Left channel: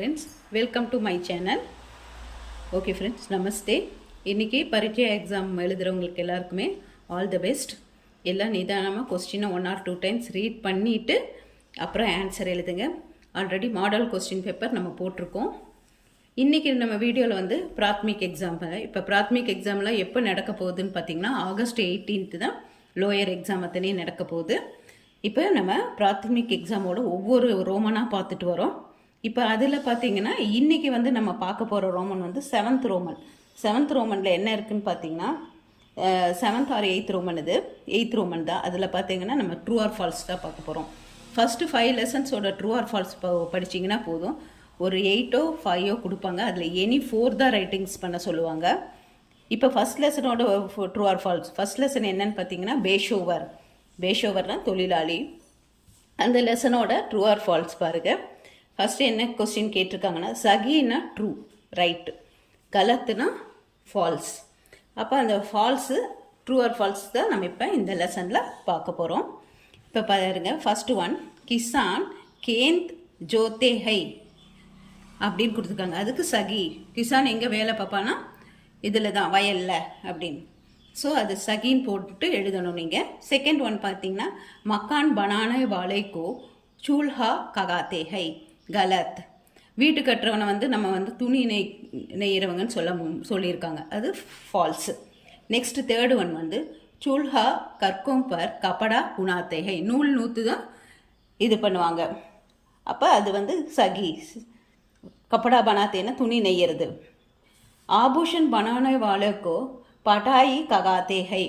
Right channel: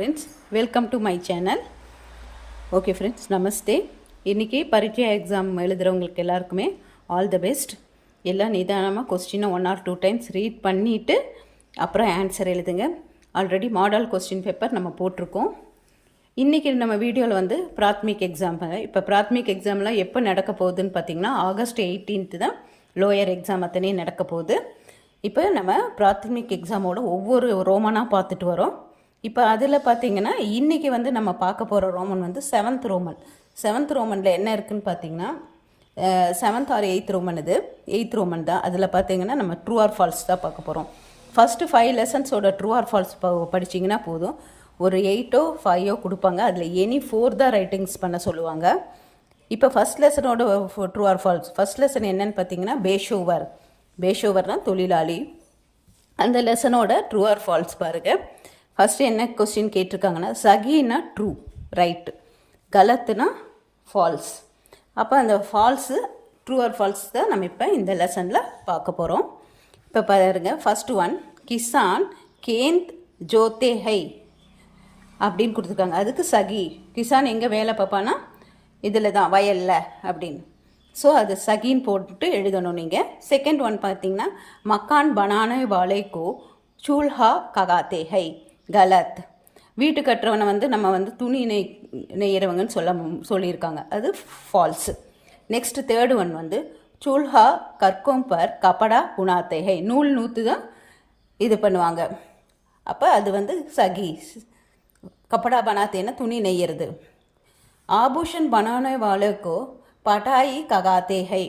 friends, welcome to my channel. Okay friends, namaste. இன்னைக்கு பரீட்சை exam எழுதுறவங்களுக்கு எல்லாருக்குமே ஆல் தி பெஸ்ட். எல்லாம் நிதானமாக கொஸ்டினை 1 or 2 times ரீட் பண்ணிவிட்டு அப்புறம் ஆன்சர் எழுதுங்க. ஆல்ரெடி மாடல் கொஸ்டின் பேப்பர் நம்ம போட்டிருக்கோம். இன்றைக்கி நம்ம வீடியோவில் பிராத்மிக் எக்ஸாம், இப்போ பிராத்மிக் எக்ஸாம்லாம் எப்போ நடக்க போகுதுன்னு பார்த்தீங்கன்னா August 18th தான் லோயர் எக்ஸாம் அத்தனை நடக்க போகுது. இப்போ நம்ம பிராத்மிக் எக்ஸாமோட ஒவ்வொரு ரோமனாக பார்த்துட்டு வரோம். இப்போ அதில் பார்த்தீங்கன்னா இன்றைக்கி நம்ம பார்க்க போகிற ரோமன் 7th ரோமன். 7th ரோமனில் என்ன இருக்குதுன்னு பார்த்தீங்கன்னா 7th or 8th ரோமன், இது 8th ரோமன் தான். அதில் பார்த்தீங்கன்னா நம்ம ட்ரூ ஆர் ஃபால்ஸ் தான் பார்க்க போகிறோம். ஃபஸ்ட்டு 5 லெசன்ஸோட ட்ரூ ஆர் ஃபால்ஸ் படிச்சிங்கன்னா போதும். ஒரு 8 or 5 கொடுப்பாங்க, அதில் எனி 4 தான் ரைட்டிங்ஸ் பண்ண சொல்லுவாங்க. இப்போ ஃபஸ்ட் லெசனோட true or false, first lesson என்னன்னு பார்த்தீங்கன்னா பேஷோவர்னா தொழிலாளி. அந்த லெசனோட ட்ரூ ஆர் ஃபால்ஸ் பாருங்கள். ஃபஸ்ட்டு என்ன கொஸ்டின் கேட்டிருக்காங்கன்னா சகினா ட்ரூ ரைட்டு, கலத்துனா ஃபால்ஸ். அப்போ அந்த ஃபால்ஸு ட்ரூ ஆர் ஃபால்ஸ் தான் நம்ம இப்போ இந்த லெசனில் பார்க்க போகிறோம். இப்போ பாருங்க, ஃபஸ்ட்டு ஒன் கிசான் கேந்த் ஜோத்தே ஹை அப்படின்னு கொடுத்துருக்காங்க. அதுக்கு சகி, கிசான் எங்கே வேலை பார்ப்பானா இதில் தான், வயலில் அப்படின்னு. ஸோ அது சகின்னு போட்டு எழுதணும் நீங்கள். செகண்ட் ஒன் பார்த்தீங்கன்னா மக்கான் பனானே வாழைக்கோ சூல்ஹா ககாத்தே ஹை, கலத். வீட்டு கட்டுறவனை நம்ம துணி நெய்யறவங்கன்னு சொல்லியிருக்காங்க, அது ஃபால்ஸு. நெக்ஸ்ட்டு தேர்டு ஒன் சூல்ஹா கற்கோம் பர் கப்படா புனாத்தே ஹை, நூல் நூற்று தான் இது பண்ணுவாங்க. அப்போ அது சகி. கப்படா பனாத்தேன்னா துணி நெய்யறது. ஆபூஷன் பனானே வாழைக்கோ பட்டாயி ககாத்தே ஹை,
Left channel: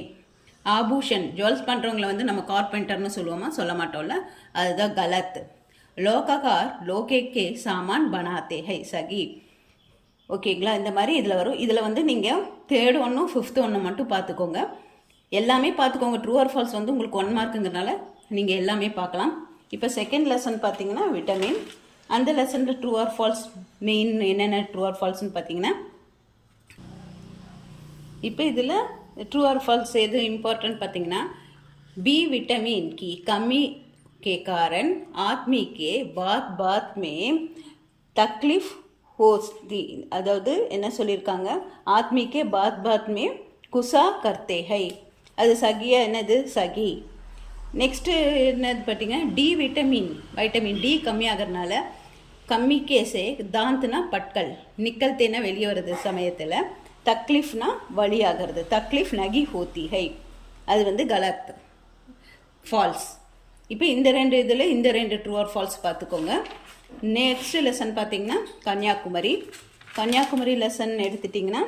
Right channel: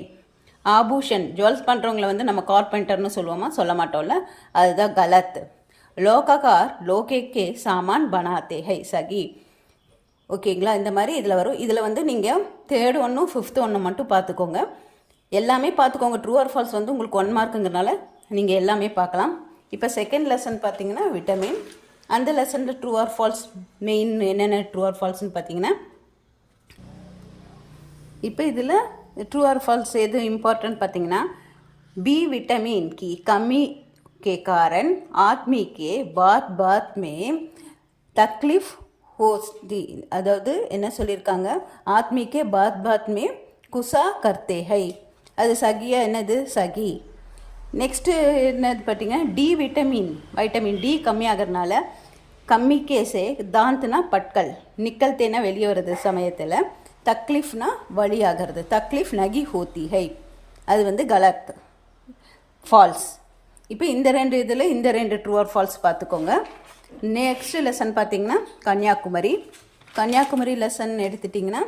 ஆபூஷன் ஜுவல்ஸ் பண்ணுறவங்கள நம்ம கார்பெண்டர்னு சொல்லுவோமா, சொல்ல மாட்டோம்ல, அதுதான் கலத். லோககார் லோகேக்கே சாமான் பனாத்தே ஹை, சகி. ஓகேங்களா, இந்த மாதிரி இதில் வரும். இதில் நீங்கள் தேர்ட் ஒன்றும் 5th ஒன்று மட்டும் பார்த்துக்கோங்க, எல்லாமே பார்த்துக்கோங்க. ட்ரூ ஆர் ஃபால்ஸ் உங்களுக்கு 1 மார்க்குங்கிறனால நீங்கள் எல்லாமே பார்க்கலாம். இப்போ செகண்ட் லெசன் பார்த்தீங்கன்னா விட்டமின். அந்த லெசனில் ட்ரூ ஆர் ஃபால்ஸ் மெயின் என்னென்ன ட்ரூ ஆர் ஃபால்ஸ்ன்னு பார்த்தீங்கன்னா, இப்போ இதில் ட்ரூ ஆர் ஃபால்ஸ் எது இம்பார்ட்டன்ட் பார்த்தீங்கன்னா, बी विटामिन की कमी के कारण आदमी के बात में तकलीफ होती, அதாவது என்ன சொல்லியிருக்காங்க, ஆத்மி கே பாத் மே குசா கர்த்தே ஹை, அது சகியா, என்னது சகி. நெக்ஸ்ட்டு என்னது பார்த்தீங்கன்னா டி வைட்டமின் டி கம்மியாகிறதுனால கம்மிக்கேசே தாந்த்னா பட்கள், நிக்கல்தேனா வெளியே வர்றது சமயத்தில், தக்லீஃப்னா வழியாகிறது, தக்லீஃப் நகி ஹோத்தி ஹை, அது கலத் ஃபால்ஸ். இப்போ இந்த 2 இதில் இந்த 2 ட்ரூ ஆர் ஃபால்ஸ் பார்த்துக்கோங்க. நெக்ஸ்ட் லெசன் பார்த்தீங்கன்னா கன்னியாகுமரி லெசன் எடுத்துட்டிங்கன்னா,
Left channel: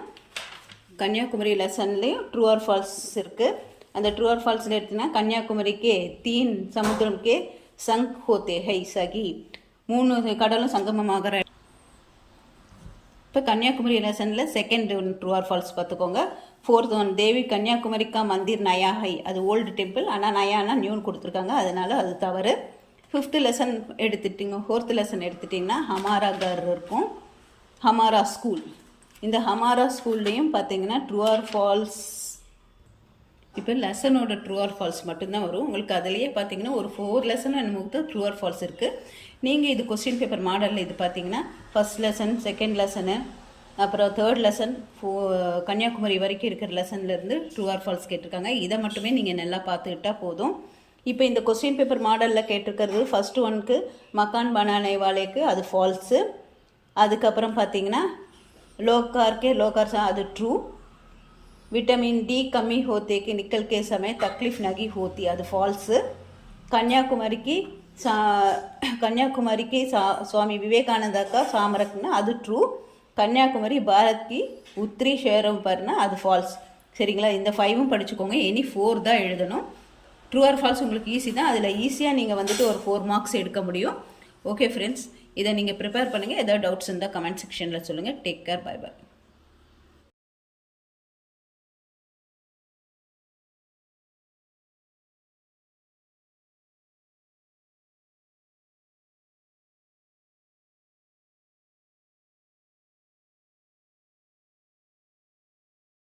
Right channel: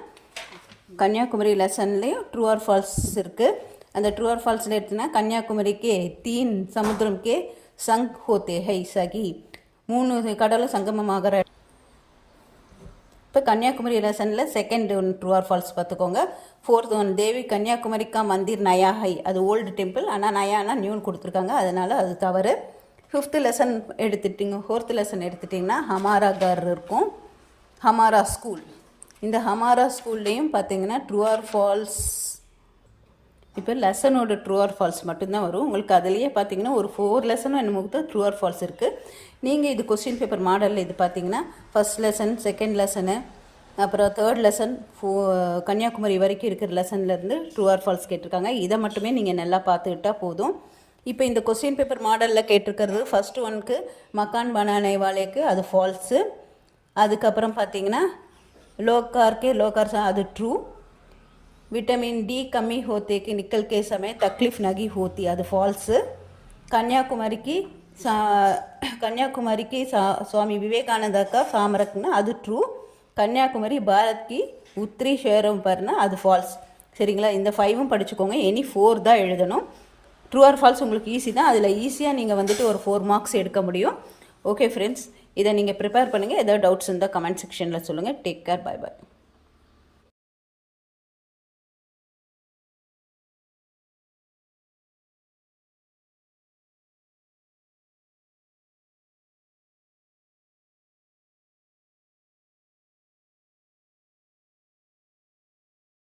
கன்னியாகுமரி லெசன்லேயும் ட்ரூ ஆர் ஃபால்ஸ் இருக்குது. அந்த ட்ரூ ஆர் ஃபால்ஸில் எடுத்திங்கன்னா கன்னியாகுமரிக்கே 3 சமுத்திரம்கே சங் ஹோத்தே ஹை சகி, 3 கடலும் சங்கமமாகிற. இப்போ கன்னியாகுமரி லெசனில் second one true or falls பார்த்துக்கோங்க. 4th ஒன் தேவி கன்னியாகுமரிக்கா மந்திர் நயா ஹை, அது ஓல்டு டெம்பிள், ஆனால் நயானா நியூன்னு கொடுத்துருக்காங்க, அதனால் அது தவறு. 5th lesson எடுத்துட்டிங்க. 4th லெசன் எடுத்துட்டிங்கன்னா ஹமாரா கர் இருக்கும், ஹமாரா ஸ்கூல். இந்த ஹமாரா ஸ்கூல்லையும் பார்த்தீங்கன்னா ட்ரூ ஆர் ஃபால்ஸ், இப்போ லெசனோட ட்ரூ ஆர் ஃபால்ஸ் மட்டும்தான் வரும் உங்களுக்கு. அதுலேயே பார்த்தீங்கன்னா ஒரு 4 லெசனும் என்னமோ ட்ரூ ஆர் ஃபால்ஸ் இருக்குது. நீங்கள் இது கொஸ்டின் பேப்பர் மாடலில் இது பார்த்தீங்கன்னா ஃபஸ்ட் லெசன், செகண்ட் லெசனு, அப்புறம் தேர்ட் லெசன், கன்னியாகுமரி வரைக்கும் இருக்கிற லெசன்லேருந்து ட்ரூ ஆர் ஃபால்ஸ் கேட்டிருக்காங்க. இதை மட்டுமே நீங்கள் நல்லா பார்த்துக்கிட்டால் போதும். இப்போ இந்த கொஸ்டின் பேப்பர் மாடலில் கேட்டிருக்கிறது ஃபஸ்ட்டு ஒனுக்கு மக்கான் பனானே வாழைக்கு அது ஃபால்ஸு. அதுக்கப்புறம் பார்த்தீங்கன்னா லோகார் அது ட்ரூ. विटामिन डी कमी होते कि निकल के समय तकलीफ नगी होती, அது ஃபால்ஸு. कन्याकुमारी की स्वामी विवेकानंद का सामरकना அது ட்ரூ. கன்னியாகுமரி பாரத் கி உத்திரி ஷேரம் பர்னா அது ஃபால்ஸ். சரிங்களா, இந்த 5 படிச்சுக்கோங்க. எனி 4 தான் எழுதணும். ட்ரூ ஆர் ஃபால்ஸ் உங்களுக்கு ஈஸி தான், அதில் ஈஸியாக நீங்கள் ஒரு 4 மார்க்ஸ் எடுக்க முடியும். ஓகே ஃப்ரெண்ட்ஸ், இதை நீங்கள் ப்ரிப்பேர் பண்ணுங்கள். ஏதாவது டவுட்ஸ் இருந்தால் கமெண்ட் செக்ஷனில் சொல்லுங்கள். Take care, bye bye.